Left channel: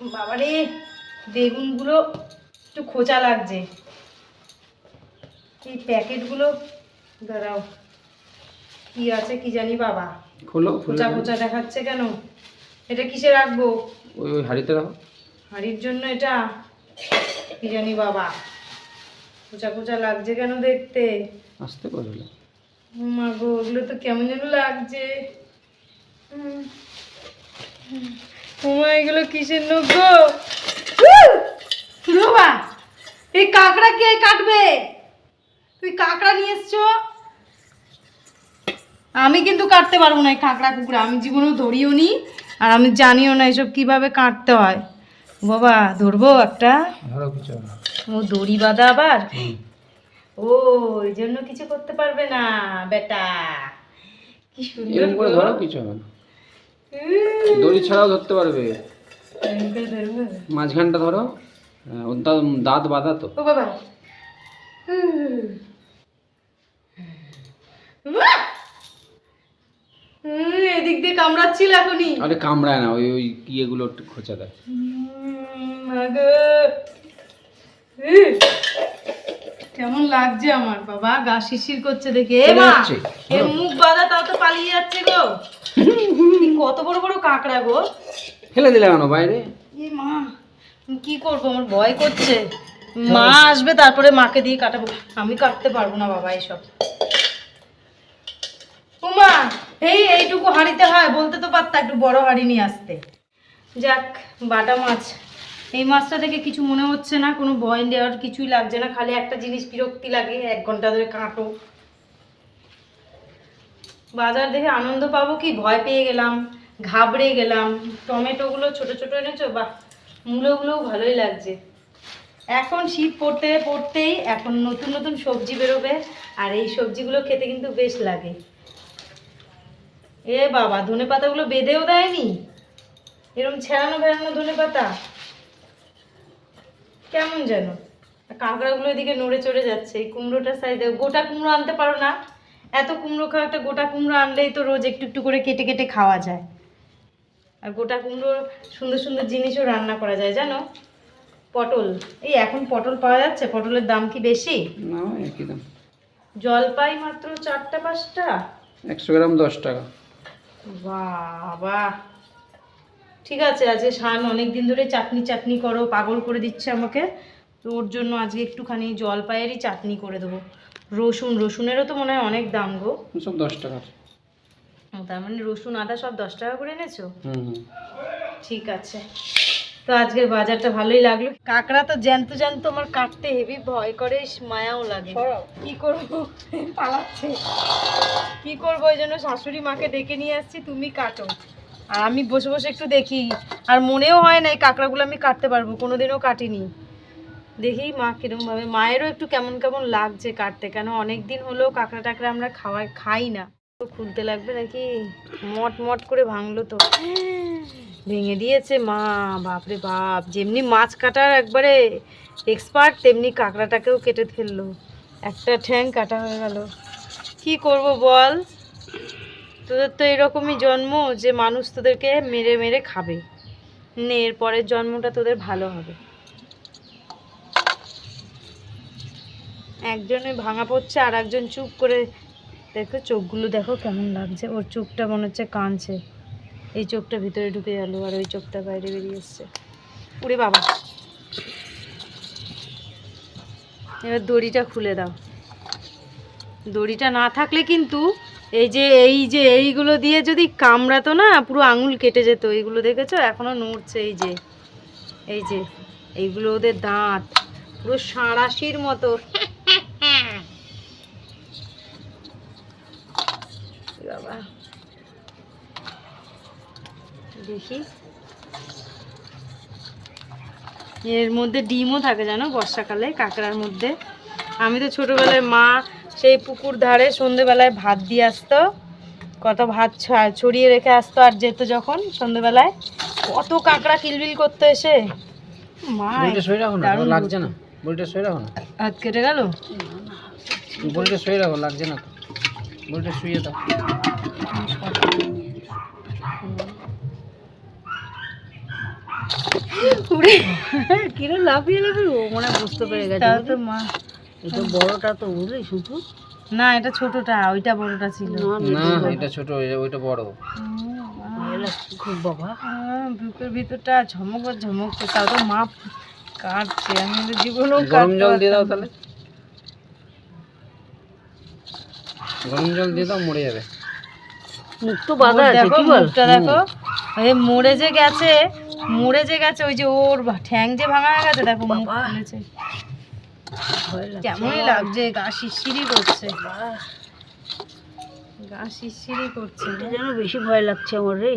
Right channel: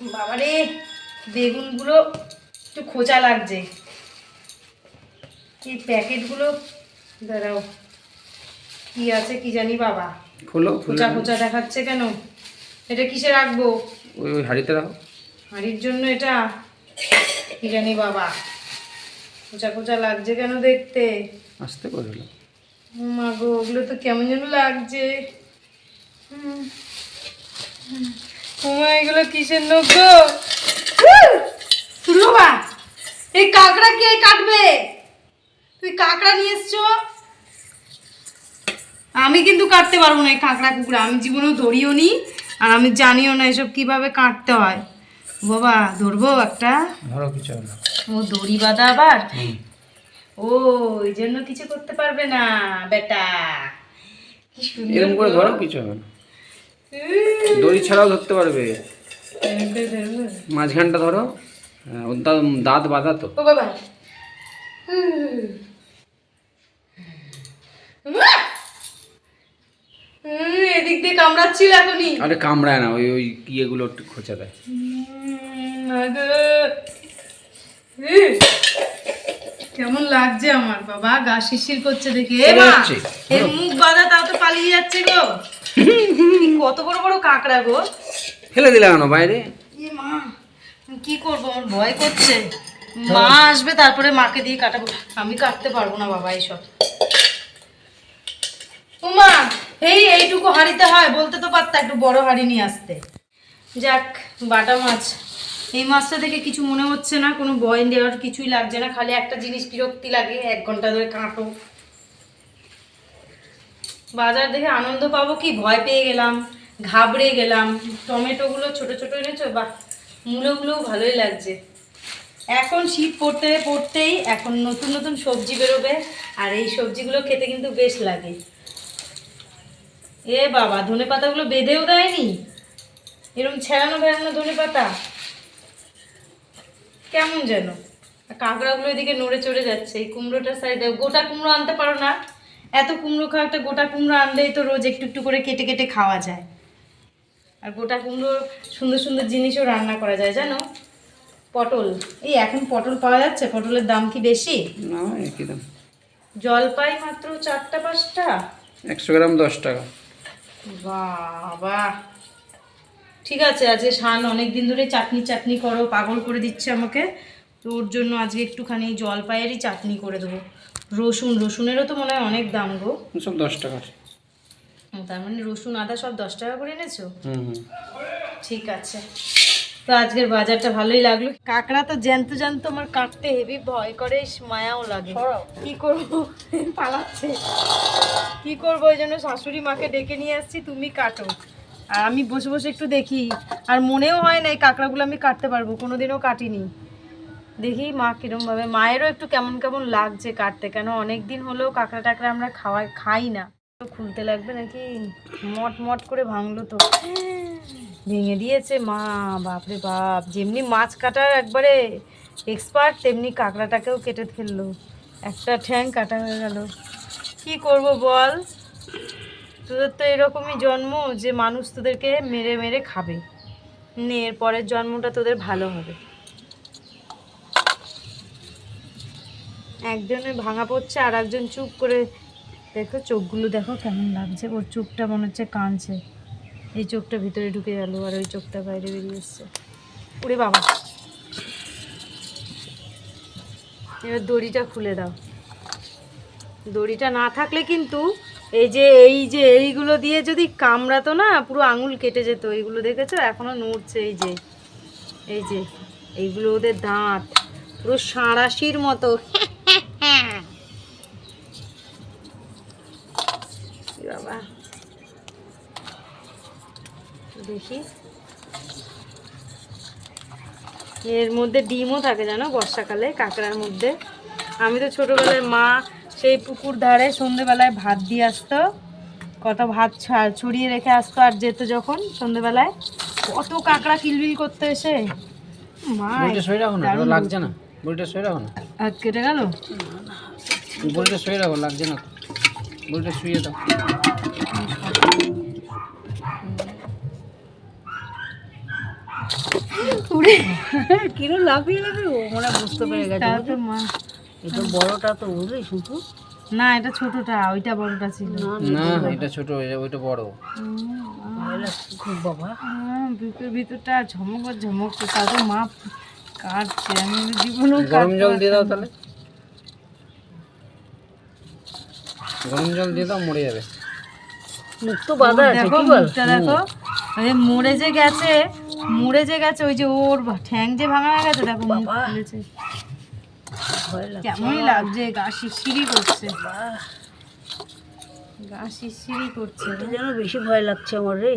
বাবারে বেগুনগুলো একটু খোঁচা লাগছে। এই প্যাকেটগুলো দাঁড়াও কি আছে কি জানি বাবা। খোলো খোঁচা খোঁচা দেখাচ্ছে কেন? এটা কিসে রাখব? ওই ওই হাঁড়িতে রাখো। হাড়ির জন্য এটা? কি জানি বাবা। খোঁচা খোঁচা লাগছে কেন দেখতে? আস্তে করে হলো ও মা গো ওগুলো তো কেমন যেন লাগছে। হুম। হুম। মা এগুলো কিসের নৌকো এই কাঁকড়া কে কাটবে? তুই কাঁকড়া নিয়ে এসছো? আমি কিন্তু কাটতে পারব না এই কাঁকড়া কুকড়া। আমি জীবনেও ধরিও নি আর আমি জানিও না এসব কীভাবে কাটতে হয়। বাবা ধরবো একটা? ধরো কিছু ও দড়ি বাঁধা আবার। ও এই জন্য কিছু করতে পারবে না বেটা। কি সুন্দর এরকম করে ধরো কিছু হবে না। দড়ি ছাড়াও ধরতে পারবে? মাঝখানটা ধরো দাঁত বাঁধা তো বাবা হুম। এদিক দিয়ে কামড়াচ্ছিল এখনই আরে কামড়ায় না ওই ওই ইয়েগুলো একটু খোঁচা দেয়। কেমন লাগছে আমার বাবা গা শিরশির করছে দেখে এ। এর মুখ বাঁধা তাও তো পালিয়ে যাচ্ছে গো কত বড় বড় কাঁকড়া গো। ফেলে দিলে কেন বাইরে? কি করব আমার ভয় করছে। মা আসবে তারপরে মাকে দিয়ে কাটাবো। আমি কাটতে পারব না বাবা এসব ও মা এই এইটুকু হাঁড়িতে হয় বলতে তো পারতা একটু বড় হাঁড়ি নিয়ে আসতে। যাক বাটা মাছ। এই মাছটা দেখে কিছু মনে হচ্ছে না কোনো বয়ন দেওয়ার কিছুই লাগছে না। খালি একটা জিনিস বিরক্তি লাগে এক ঘণ্টা ধরে কাঁটো। বাজার দেখে আনন্দ পাবো কি? ভয় পেয়ে গেলাম, ঘাবড়ে গেলাম। টমেটোগুলো ছোট ছোট এনেছো? বাহ, মূলোগুলোও ভালোই লাগছে। এখন শীত পড়তে পড়তেই এখন নতুন নতুন সবজি বেরোবে, আর এই সবজিগুলো খেতে কিন্তু বেশ লাগে। এ বাবা, ধনে পাতাগুলো বেঁধেও দেয়নি? এরকম ছেড়ানো বেড়ানো ধনে পাতা? কেমন যেন? কাঁকড়াগুলো এদিকে নড়ে চড়ে যাচ্ছে, এই কুমড়োটার সাইডে গোটা কুমড়ো আনতে পারো না। এত কুমড়ো খাওয়া একটা গোটা কুমড়ো আনলেই তো রোজ একটু একটু করে কেটে কেটে খাওয়া যায়। আর গোটা কুমড়ো সুন্দর সুন্দর জিনিসও রান্না করা যায় জানো? পটল এই এখন পটল পাওয়া যাচ্ছে? পটলের দাম কি বেশি? না একই দাম। জলপাই মাত্র চারটা পাঁচটা? একশো গ্রাম দশ টাকা। বাবা। ঠিক আছে আজকে শান অনেক দিন ধরে চাটনি চাটনি করো পাগল করে দিচ্ছে আমাকে। তো ওর জন্য আজকে একটুখানি জলপাইয়েরই চাটনি করে দেবো। রসুন রসুনেরও তো মনে হয় অনেক দাম গো। সব দশ টাকা। তার মানে রসুন আদা সব দশ টাকা করে এনেছো? হুম হুম। ঠিক আছে। তো আজকের বাজারটা ভালোই লাগল। কাঁকড়া তো জ্যান্ত জ্যান্ত আমার কাটতে হেভি ভয় করে মায়াও লাগে। কি করব? পালাচ্ছে। কি করব? ওই জন্য শাশুড়ি মাকে ডেকে নিয়ে আসছি তুমি কাটো। আর আমি বসে বসে একটু দেখি। আর মনেও হয় না এই কাঁকড়াগুলো আমি কাটতে পারব কোনোদিনও কাটিনি। দেখি মা কিরমভাবে মায়েরও একটু কেমন কেমন লাগছে কাটতে, কেন অনেক দিন হলেও কাঁকড়া টাকড়া আমরা খাওয়াই খাই না। তো খুলতে লাগবে নাকি? মট মট করে ভাঙলো তো। ভেঙে দিয়েছে মা, বাপরে বাপ। যেমনি মাছ কাটার একবারে এক্সপার্ট তেমনি কাঁকড়াটাকেও কেটে ফেলল। একটা ঠ্যাং কাটা হয়ে গেল। কি করব বল? তোদের তো এরকমই জন্ম যে মানুষ তোদেরকে মেরে মেরে খাবে। নে এর পরের জন্মটা তোদের ভালো হবে। একজনের ভাঙা পড়ছে, আর একজন চুপ করে দেখো চোখগুলো দেখো কেমন লাগছে। ওর চোখটা মনে হচ্ছে কাঁদছে। এই চোখটা ভিতরে ঢুকে গেল আর ওই চোখটা বাইরে বেরিয়ে এসছে। উড়ে বাবা। এবার দড়িটা খুলে দাও। দড়িটা না থাকলে কিন্তু এই যে এই যে, এইগুলো দিয়ে যদি কামড়াতো না, পুরো আঙুল কেটে যেত। এইগুলো দেখেছ? এখনও নড়ছে এই যে এই যে, এইগুলো ওদের দাঁত। পুরো সাঁড়াশির মতো। বাবা। দেখি। এর মধ্যে ডিমও থাকে জানো বর্ষাকালে কাঁকড়ার মধ্যে। আমি তো ছোটোবেলায় মা সেই পুকুর ধারে সন্ধেবেলায় ভাত দিয়ে আসতো কত ভাত ছড়িয়ে রেখে আসতো আর যেত যখন সন্ধেবেলায়। কত কাঁকড়া কিলবিল করতে এসে। মা লাগছে না। বড়িটা শুয়ে রাখো না। হাত কেটে গেল? বড়িটা শুয়ে রাখো লাগছে না তো। বড়িটা শুয়ে দাও। উড়ে। লাফিয়ে ও মনে হয় বুঝতে পেরে গেছে তো মা। এটা বড়টা তো বুঝলি শুধু? না এটা ছোটটা ওইটা বড়টা ছিল। না এটা ছোট ওইটা বড়। খুব বাবা। বুকের ভিতরটা ঝমক আর ঝমক তাও তো মা কাটছে আমি জীবনেও গরম জল দিয়ে দাও তাহলে। গরম জল দিয়ে দাও মরে যাবে। মুখ তো বাঁধা আছে কি বল? দেখো। আরে মরে যে গেছে মরে যে গেছে ওই যে ওর ঠ্যাং যে ভাঙা গেছে দেখো মুখ খুলেছে। ভয় কেমনই লাগছে গা শিরশিরি করছে। বাহ, গা শিরশিরি করছে যেন বেশি ভয় লাগছে আমার রে।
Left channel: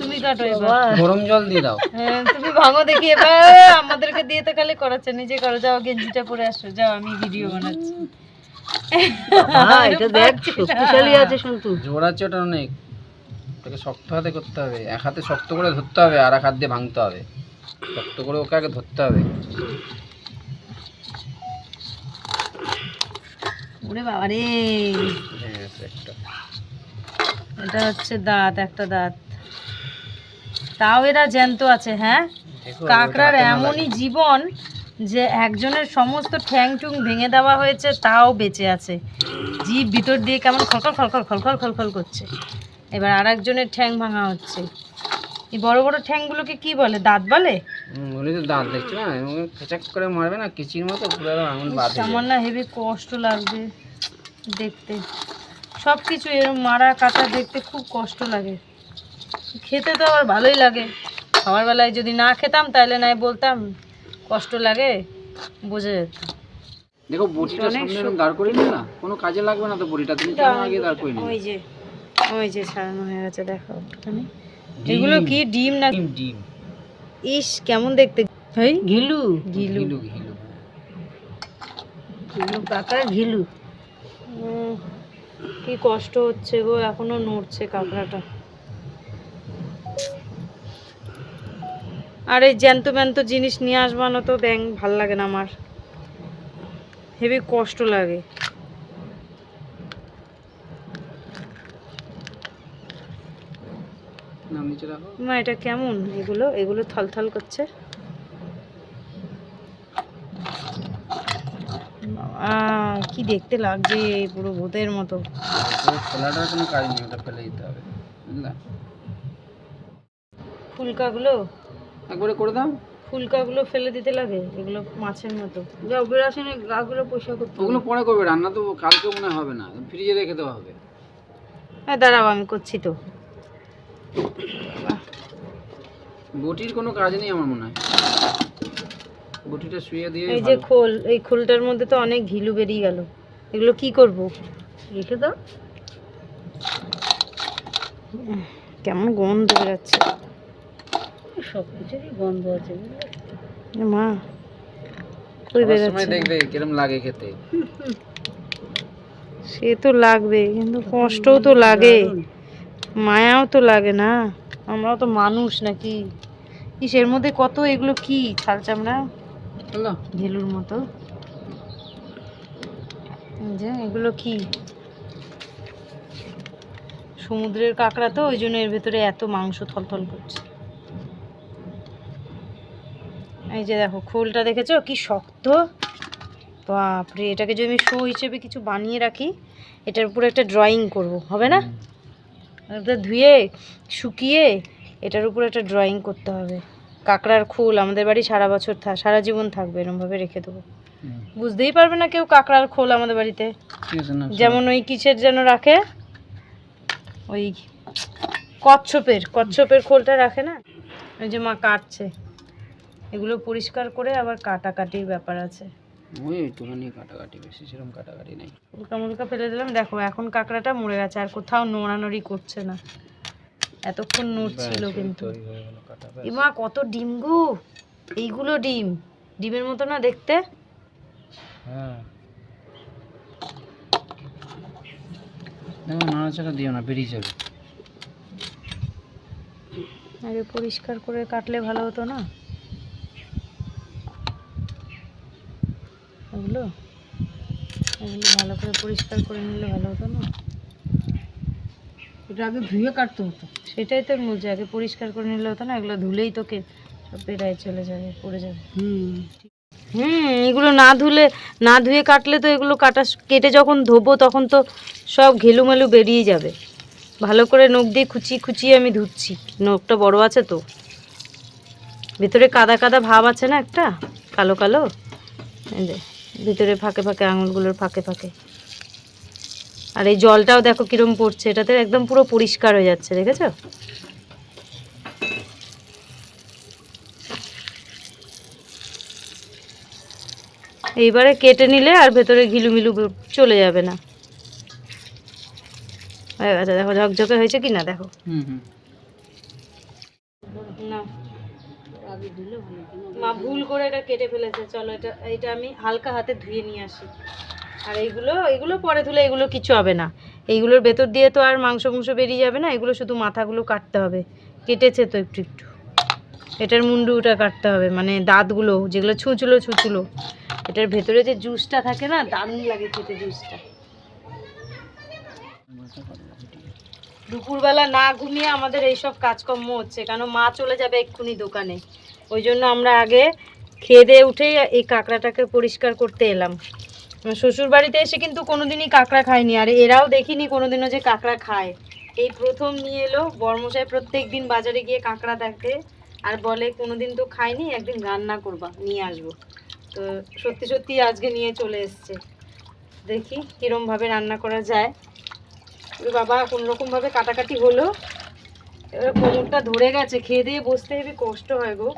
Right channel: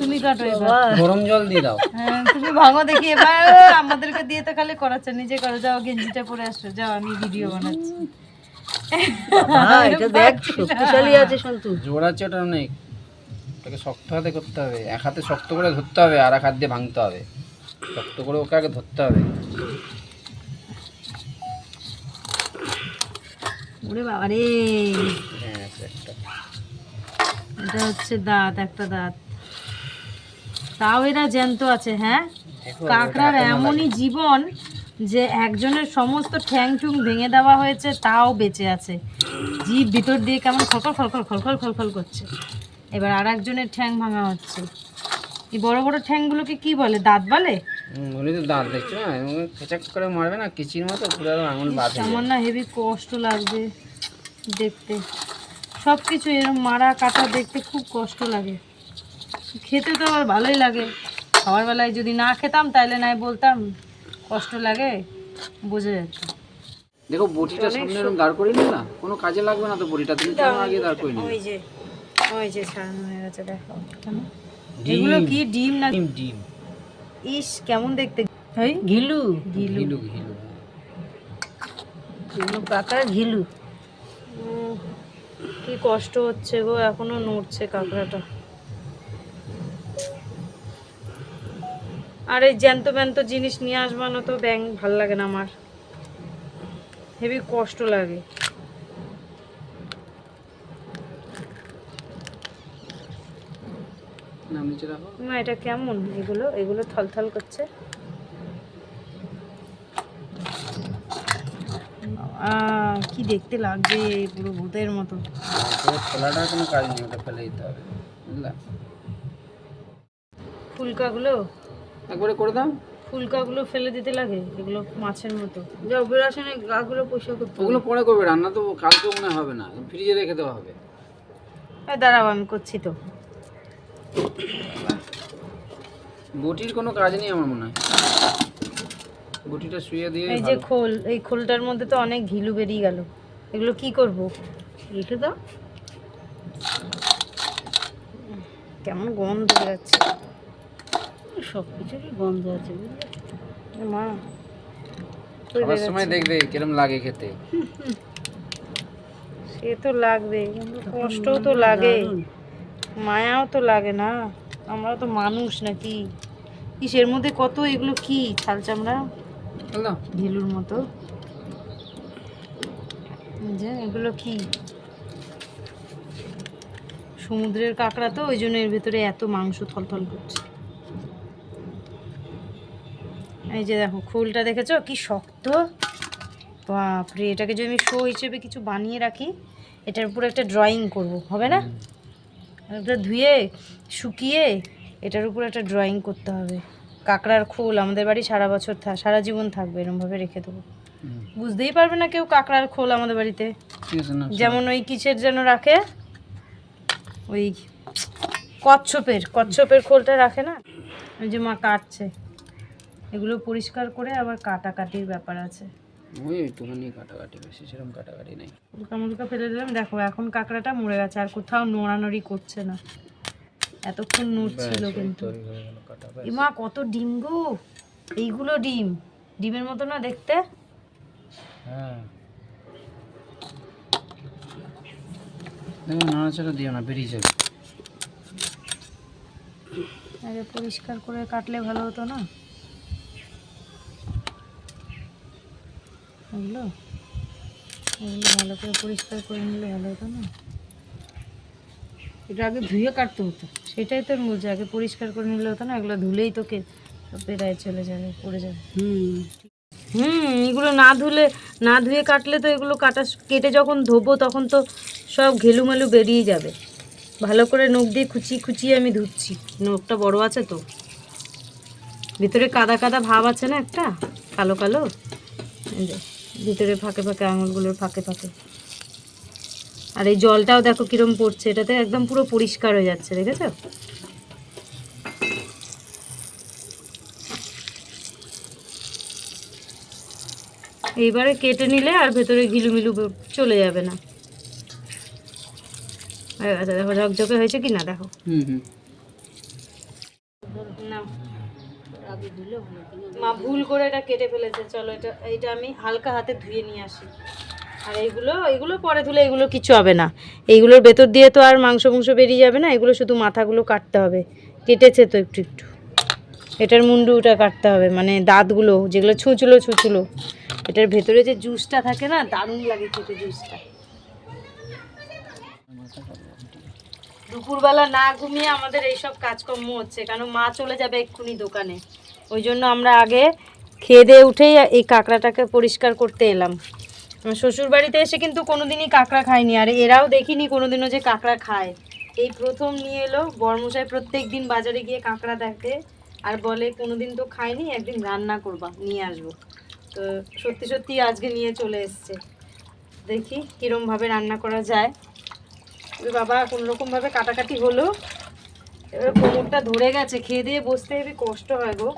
তুমি কাটো এবার গরম জল দিয়ে দাও। হ্যাঁ, তুমি ভাঙো দেখি এবার। আমাদেরকে দিয়ে তো খালি করাচ্ছে নিজে করো। যাও গেঞ্জিটা পরে আসো। যাও আমি ভিডিও বানাচ্ছি। বাবা, এটা দেখ শক্তিশালী আছে সন্তু। জোর ওটা অনেক। ওটাকে শক্ত হাতে করতে হবে। এক হাতে শক্ত করে ধরতে হবে আর এক হাত দিয়ে ভাঙতে হবে। শক্ত করে ওকে আগে ধরতে হবে। ওরে বাবা রে হ্যাঁ একটা। এটা হচ্ছে দাঁত একটা দাঁত। তাও এরা জ্যান্ত আছে হ্যাঁ? কাঁকড়ার এমনই জীবন যে একজনের সমস্ত ঠ্যাং টুং ভেঙে দেওয়া হয়েছে তাও বেঁচে আছে। জিভ ভিতর দিয়ে কেমন খলখল খলখল খলখল খলখল করছে। এবার আর একজনের ঠ্যাং ভাঙা হচ্ছে। এই বড় বড় ঠ্যাংগুলোকে কি বলে? দাঁত বলে? উনি তো দাঁত দেখছ না খেচাক করে মারবে না কিচির মতো পুরো আঙুল বাঁধে আমার না হেভি কষ্ট লাগবে দেখতে। সব কিছু এরকম মারা কাটা দেখতে খুব কষ্ট লাগে। খেতে তো আমার ভালোই লাগে। খাবার বেলায় যদি না খেতাম তাহলে নাই বলতাম কষ্ট লাগে বুঝে যেত দেখো বটিটা সামনে এরকম দাঁড় করে না কোনো কাজে লাগবে না তো বটিটা। তুমি কেন আগে দাঁড় করে নিলে? ওই যে ওই যে সারানো হয়ে গেছে দেখো এখানে। এগুলো কি ডিম না ডিম ডিম। ইস কেমন দেখতে। ভাই ঘিলু? গিলু ঘিলু ঘিলু। ঘিলু কাকা ঘিলু। কি কষ্ট হচ্ছে গো এখনও নড়ছে কাঁকড়াটা। আর এই জ্যান্ত ব্যান্ত জিনিস নিয়ে আসবানো তো ব্যাং ভালো লাগে না আমার। হেবি কষ্ট লাগে। মা এটা কেমন? এগুলো এগুলো থলথল করছে। কি দেখতে লাগছে পুরো ভূতের মতো। খোলাটার কোনো কাজ নেই ওটা ফেলে দিতে হবে বুঝলা? ফুলকাগুলো? একবারে করে দাও। ফুলকাগুলো ফেলে দিতে লাগে এগুলো মাছের মতো। যাও বেরাসনে গাগুলো পয়সা করতে ওগুলো পরে করবে রান্না তো কালকে মনে হয় হবে না। ফ্রিজে রেখে দেওয়া হবে। হ্যাঁ দাঁড়াও আমি করছি তো। বটির কোনো কাজ নেই আমার মনে হয়। বটিটা শুয়ে দিয়ে এই যে খোল এই খোলটার মধ্যে তো অনেক ঘিলু বেরিয়ে গেল। এগুলো কি করব? রেখে দাও। কেমন গন্ধ বেরাচ্ছে। সব কিছুরই গন্ধ আছে বুঝলে? মা। খাবার সময় দেখবে কিরম লাগে খেতে। সে তো লাগবে কিন্তু কষ্টও তো লাগে। মায়াও তো লাগে না। আমরা তো মানুষ নাকি? কিসের মধ্যে কত এগুলো কি? ছাল চামড়া? হলো। ঘিলুর মতো। যে এগুলো কি? সমুদ্রের কাঁকড়া তো ওই জন্য এর ভেতরে এত মাংস থলথল করছে। এই যে দেখো খোলটা দেখেছ? কি শক্ত। বাপরে এটাকে যদি আমি শো হিসেবে কিছু বানিয়ে রাখি এটার উপরে একটা ড্রয়িং করব হবে না? এটা ধুয়ে শুকিয়ে এটার উপরে একটা ড্রয়িং করতে হবে। কাঁকড়ার খোল আমাদের বাড়ি সারা বছর থাক সারা জীবন থাকবে এরমভাবে রেখে দেবো। বুঝতেই পারবে না কেউ কাঁকড়ার খোল আমাদের বাড়িতে। যেমন ওই কিসের যেন রাখে? ওই কচ্ছপের কচ্ছপের খোলটা রাখে না? ওই যে মা কাটছে। এগুলো পরিষ্কার করে আবার কাটাকাটির ব্যাপার আছে। ওই একটুখানি কাটাকাটি বেশি সেরকম কাটাকাটি নেই। উল্কা মুলকা ফেলে দিলাম। দেখো এখন কাঁকড়াটা মরে গেছে আর কোথাও নড়ানড়ি করছে না। এতক্ষণ নড়ছিল কিন্তু। ইমা কত ডিম গো! এইগুলো ডিম। ডিমের মতো না দেখতে? হ্যাঁ। নাড়াচাড়া দিও না বেরিয়ে যাবে। আগে পরিষ্কার করে কাটলে ভালো হতো না? এগুলো এগুলো ভালো করে পরিষ্কার করে নিলে ভালো হতো না? এটা আগে ধুয়ে কাটতে হতো। সেটাই তোর মজা আগে পরিষ্কার করে নিলে হতো না এগুলো ধুলেই তোকে পেটায় চলে যাবে পড়ে যাবে। হুম। হুম এগুলো না ধুলে না ধুয়ে কাটলে তো এগুলো কাটা কেটে যখন ধোবো তখন তো সব ঘেলুমেলু বেরিয়ে যাবে। ভালো করে নখ দিয়ে খুচিয়ে খুচিয়ে আমি ধুচ্ছি। নখটা বড় আছে তো। ভিতরে কাদা কাদা ভাব আছে না একটা? কালো কালো? ভিতরে ফাঁকে ফাঁকে আঙুলগুলোর ফাঁকে ফাঁকে। আর এই জলটাও দেখো কিরম পড়ছে এটাতে একদম পুরো পরিষ্কার হয়ে যাচ্ছে দেখেছ? এইবারে কেটে নিলে আর ভেতরে ঘিলুমিলু চলে যাবে না। দেখো ঝকঝকে হয়েছে কি না দেখো। হুম হুম। নাও। মা ভুল করে এটা কেটে ফেলেছে, চলো এটা, এইটা আমি হালকা হাতে ধুয়ে নিয়ে আসি। আর এইগুলো এইগুলো পরে ধুলে এগুলো কিছু হবে না। এইগুলোর ভেতর দিয়ে তো আর মাংস মাংস বেরিয়ে যাবে না এগুলো শুধু মাথাগুলো কাটতে হবে। কেটেছে তো একটু একটু। এটার মুন্ডুটা কাটতে হবে মানে দাঁতগুলো, যেগুলো ছুঁচুলো ছুঁচুলো। এটার ভেতরে যে জুসটা থাকে না, দারুণ লাগে খেতে জুসটা। দুপুরবেলা না ঘুমিয়ে আমাদের এইসব কাজকর্ম হচ্ছে, কেন মা চলে যাবে এক্ষুনি দোকানে। ওই জন্য আমরা আগে খেয়ে দিয়ে উঠেই এই কাঁকড়াটাকে পরিষ্কার করতে এলাম। শ্বশুর বাড়িতে এসে কিন্তু কোনোদিনই কাঁকড়া খায়নি, আর এরাও দেখিনি কোনোদিনও যে কাঁকড়া খায়। এই প্রথম নিয়ে এলো, বর্মশাই প্রত্যেক দিন বাজারে গিয়ে কাঁকড়া দেখে আর বলে, কোনোদিন তো খাইনি একদিন রান্না করবা, নিয়ে আসব। তো সত্যি সত্যি আজকে নিয়ে চলে এসছে। দেখি কীরমভাবে রান্না করা যায়। বাবা কোনো রকমভাবে কাটাকাটি হলো। এবার কোমরটা ধরে গেছে, খেয়ে দিয়ে বসতে হেবি কষ্ট হয় গো।